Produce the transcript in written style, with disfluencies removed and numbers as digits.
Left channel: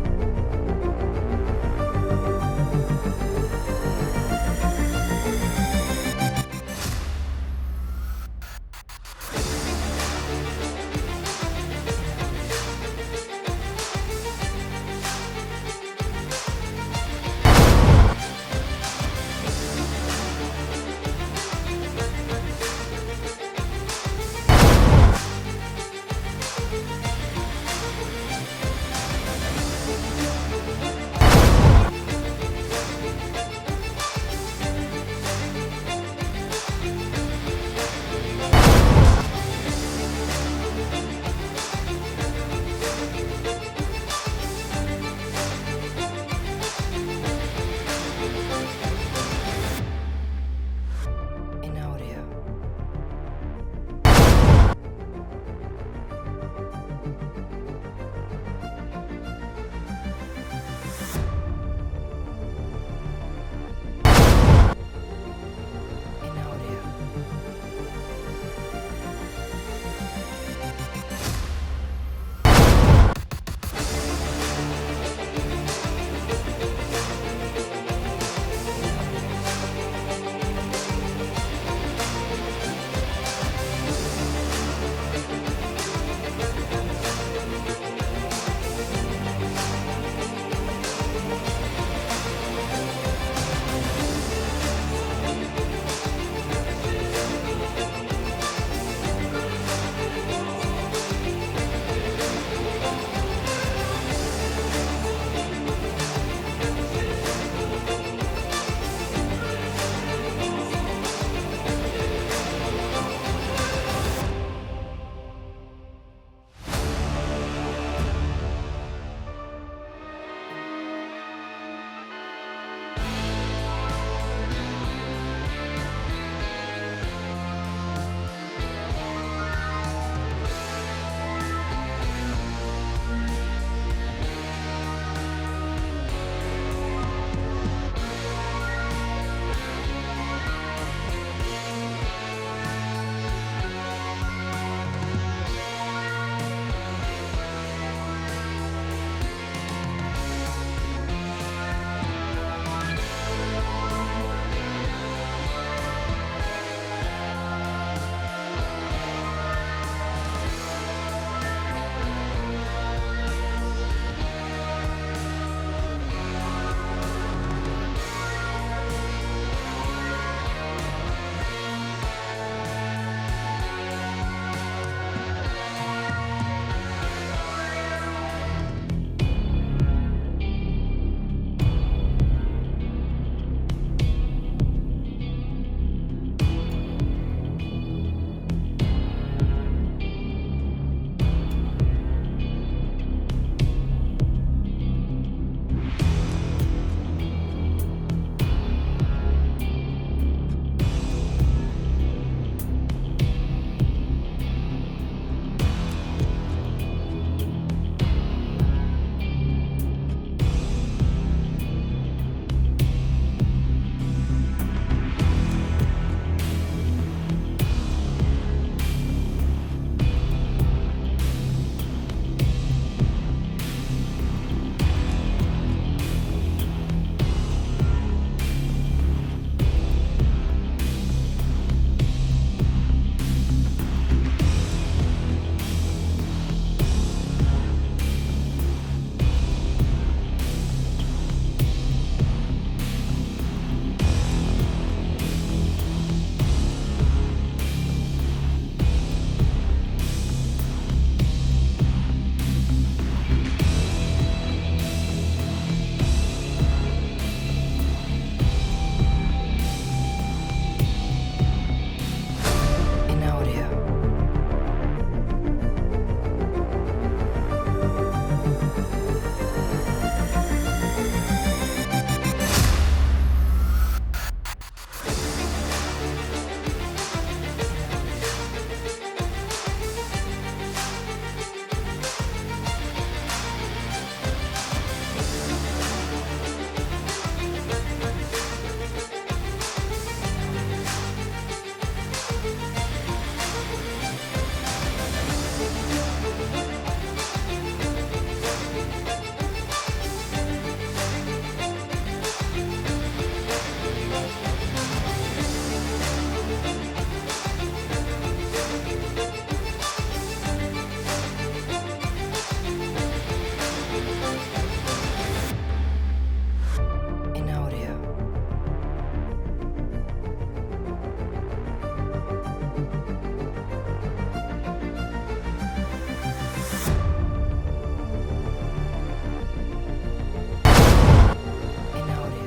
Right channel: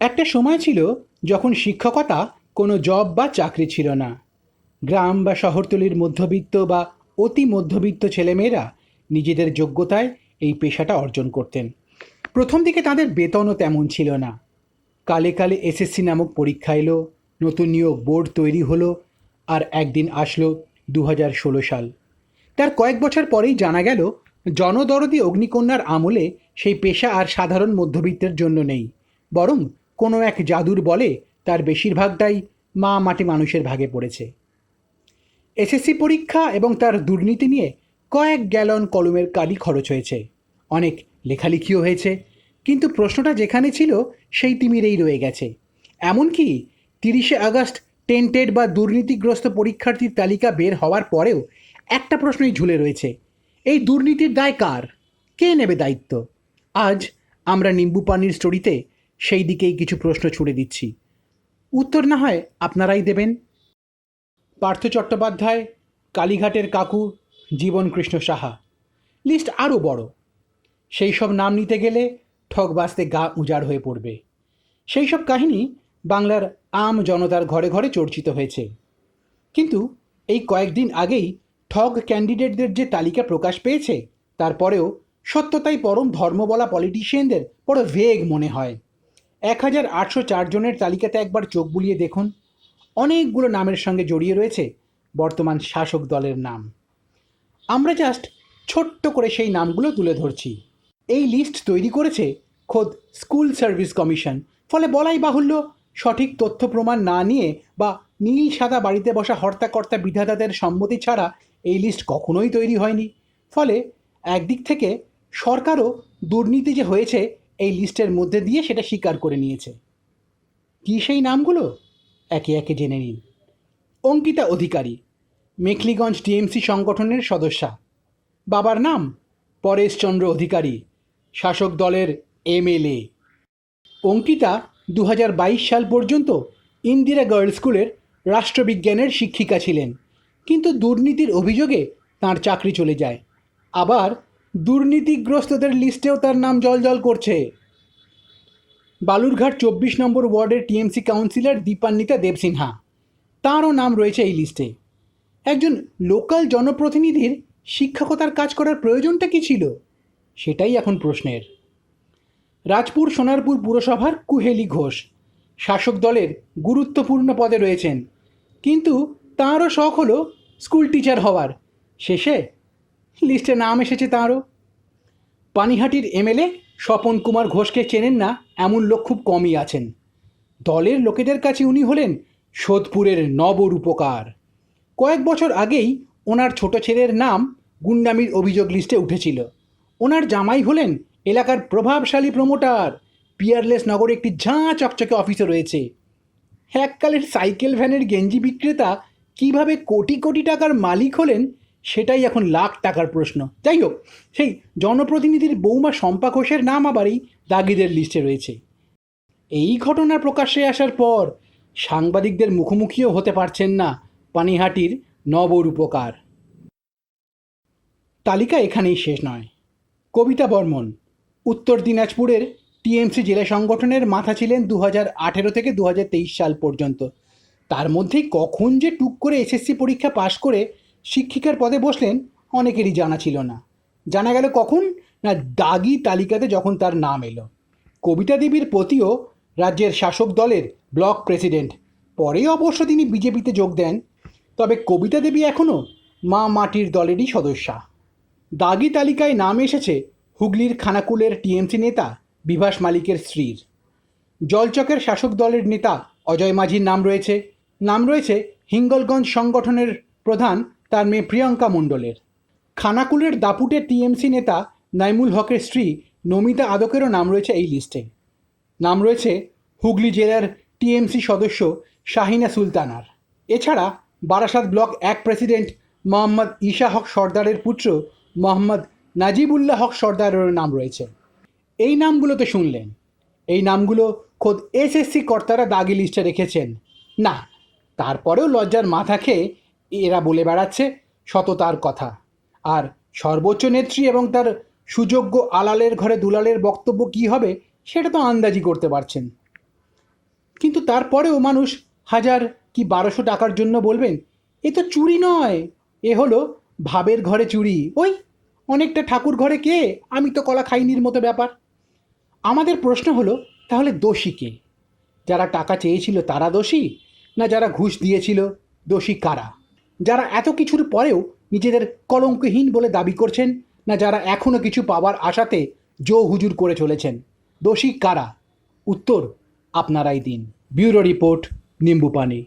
একটা সময় ছিল যখন শিক্ষকতা কোনো জব বা চাকরি ছিল না। গ্রাম বা শহরতলির মধ্যবিত্ত বা অতি মধ্যবিত্ত ছেলেমেয়েরা নিজেদের যোগ্যতায় এই পেশাটা অর্জন করতেন। প্রথম দিকে তাদের বেতনও তেমন ছিল না। কালে কালে এসএসসি নামক পরীক্ষা এলো, লোকনীয় বোর্ড তৈরি হলো, আর একদিন আসলো 2016 সাল। তার কয়েক বছর পরেই জানা গেল জনদরদী অগ্নিকন্যার আমলে সেই পেশা আর সাধারণ মধ্যবিত্তের জন্য নেই, বরং কোনো এক জাদুর বলে তার বেশিরভাগটাই মা মাটি মানুষের ভাগে পড়েছে। এসএসসি পরীক্ষা এবং তার দুর্নীতি নিয়ে কয়েক গ্যালন পরিমল কালি খরচ হয়েছে, অনেক লেখালেখিও হয়েছে, কিন্তু প্রশ্নটা যেখানে ছিল সেই তিমিরেই রয়ে গেছে। এমনকি 30শে আগস্ট টেন্টেড বা দুর্নীতিগ্রস্ত পরীক্ষার্থীর তালিকা বের হওয়ার পরেও একটা প্রশ্নই ঝুলে রয়েছে, এই দুর্নীতির দায় কার? কে নেবে দায়িত্ব? আজ আমরা নিম্বু পানির স্টোরিতে সেই দিকেই কিছু প্রশ্ন ছুড়ে দিচ্ছি। উত্তর না হয় আপনারাই দেবেন। পার্থ চট্টোপাধ্যায়, কালীঘাটের কাকু, জীবন কৃষ্ণ সাহা, লিস্ট আরও বড়। সেই সব নাম নিতে গেলে সব বাস্তে গা উজাড় হয়ে পড়বে। সেই সব কাহিনী বাংলার আম জনতার ঘরে ঘরে চর্চিত হয়েছে। কিন্তু এই কয়েকদিন আগেই ঠগ ক্যান্ডিডেটদের যে তালিকা প্রকাশ পেয়েছে, তারপরেও সত্যতাই পরম ধর্ম বলা পলিটিশিয়ানদের বড় ভেগ মনে হয়। 1804 জনের তালিকাতে একবার চোখ বুলিয়ে দেখুন, অনেকগুলো নামের সঙ্গে জড়িয়ে রয়েছে বর্তমান শাসক দলের নাম। আমরা জাস্ট ছোট্ট করে সেই নামগুলো তুলে ধরছি। এই লিস্ট তৈরি করেছে খোদ স্কুল সার্ভিস কমিশন, ফলে বলাই বাহুল্য সঠিক তথ্য প্রমাণ না নিয়ে বা নীল সাদা বাড়িতে বসা হর্তাকর্তা বিধাতাদের সম্মতি ছাড়া এই লিস্ট কখনোই তৈরি হয়নি। ফলে একদিক থেকে সরকারও দুর্নীতি যে হয়েছে এই লিস্টের মধ্যে দিয়ে সেটা স্বীকার করে নিয়েছে। কি সেই নামগুলো একে একে জেনে নিই। অঙ্কিতা অধিকারী, মেখলিগঞ্জ টিএমসি সংগঠনের সদস্যা। বাবার নাম পরেশচন্দ্র অধিকারী, শাসক দলের এমএলএ। অঙ্কিতা 2022 সাল পর্যন্ত ইন্দিরা গার্লস স্কুলের রাষ্ট্রবিজ্ঞানের শিক্ষিকা ছিলেন, কিন্তু দুর্নীতির অভিযোগে তার চাকরি চলে যায়। আবার দুর্নীতিগ্রস্তদের লিস্টেও তার নাম জলজল করছে। বালুরঘাট 24 নম্বর ওয়ার্ডের টিএমসি কাউন্সিলর দীপান্বিতা দেবসিনহা, তাঁরও নাম রয়েছে এই লিস্টে। একজন লোকাল জনপ্রতিনিধির শিক্ষকতার কাজ করার প্রয়োজনটা কি ছিল, সেটাই এখন প্রশ্নের। রাজপুর সোনারপুর পুরসভার কুহেলি ঘোষ শাসক দলের গুরুত্বপূর্ণ পদে রয়েছেন, কিন্তু তাঁরও শখ হলো স্কুল টিচার হওয়ার। শেষে লিস্টে নাম এসেছে তাঁরও। পানিহাটির এমএলএ স্বপন কুমার ঘোষকে চেনেন না এমন লোক খুব কমই আছেন। দলের লোকেদের কাছে উনি হলেন সোদপুরের নবরূপকার। কয়েক বছর আগেই ওনার ছোট ছেলের নাম গুন্ডামির অভিযোগ লিস্টে উঠেছিল। ওনার জামাই হলেন এলাকার প্রভাবশালী প্রমোটার। পিয়ারলেস নগরে একটি ঝাঁ চকচকে অফিসে রয়েছে। এককালের সাইকেল ভ্যানের গেঞ্জি বিক্রেতা কিভাবে কোটি কোটি টাকার মালিক হলেন, সেটাই এখন লাখ টাকার প্রশ্ন। যাই হোক, সেই জনপ্রতিনিধির বৌমা শম্পা ঘোষের নাম আবার এই দাগিদের লিস্টে রয়েছে। এই ঘটনা প্রকাশ্যে আসার পর সাংবাদিকদের মুখোমুখিও হতে পারছেন না পানিহাটির নবরূপকার। তালিকা এখানেই শেষ নয়। কবিতা বর্মন উত্তর দিনাজপুরের টিএমসি জেলা সংগঠনের মাথা ছিলেন 2018 থেকে 2023 সাল পর্যন্ত। তার মধ্যেই কখন যে টুক করে এসএসসি পরীক্ষা পাশ করে শিক্ষিকার পদে বসলেন অনেকেরই জানা ছিল না। জানা গেল কখন না, দাগি তালিকাতে যখন তার নাম এলো। কবিতা দেবীর পতিও রাজ্যের শাসক দলের ব্লক প্রেসিডেন্ট, পরে অবশ্য তিনি বিজেপিতে যোগ দেন। তবে কবিতা দেবী এখনও মা মাটির দলেরই সদস্যা। দাগি তালিকায় নাম এসেছে হুগলির খানাকুলের টিএমসি নেতা বিভাস মালিকের স্ত্রী। জলচকের শাসক দলের নেতা অজয় মাঝির নাম রয়েছে হিঙ্গলগঞ্জ সংগঠনের প্রধান তার মেয়ে প্রিয়ঙ্কা মণ্ডলের। খানাকুলের দাপুটের টিএমসি নেতা নাইমুল হকের স্ত্রী নমিতা আদকেরও নাম রয়েছে এই লিস্টে। নাম রয়েছে হুগলি জেলার টিএমসি সদস্য শাহিনা সুলতানা। এছাড়া বারাসাত ব্লক 1 প্রেসিডেন্ট মোহাম্মদ ঈশা হক সর্দারের পুত্র মোহাম্মদ নাজিবুল্লাহ হক সর্দারেরও নাম রয়েছে। এই নামগুলো তো শুনলেন, এই নামগুলো খোদ এসএসসি কর্তারা দাগি লিস্টে রেখেছেন না। তারপরেও লজ্জার মাথা খেয়ে এরা বলে বেড়াচ্ছে সততার কথা, আর সর্বোচ্চ নেত্রী এবং তার সুযোগ্য আলালের ঘরে দুলালের বক্তব্য কী হবে সেটা তো আন্দাজি করতে পারছেন। কিন্তু তারপরেও মানুষ 1000 কি 1200 টাকার জন্য বলবেন এ তো চুরি নয়, এ হলো ভাবের ঘরে চুরি, ওই অনেকটা ঠাকুর ঘরে কে, আমি তো কলা খাইনির মতো ব্যাপার। আমাদের প্রশ্ন হলো, তাহলে দোষী কে? যারা টাকা চেয়েছিল তারা দোষী, না যারা ঘুষ দিয়েছিল? দোষী কারা? যারা এত কিছুর পরেও নিজেদের কলঙ্কহীন বলে দাবি করছেন, না যারা এখনো কিছু পাওয়ার আশাতে জো হুজুর করে চলেছেন? দোষী কারা? উত্তর আপনারাই দিন। ব্যুরো রিপোর্ট, নিম্বু পানি।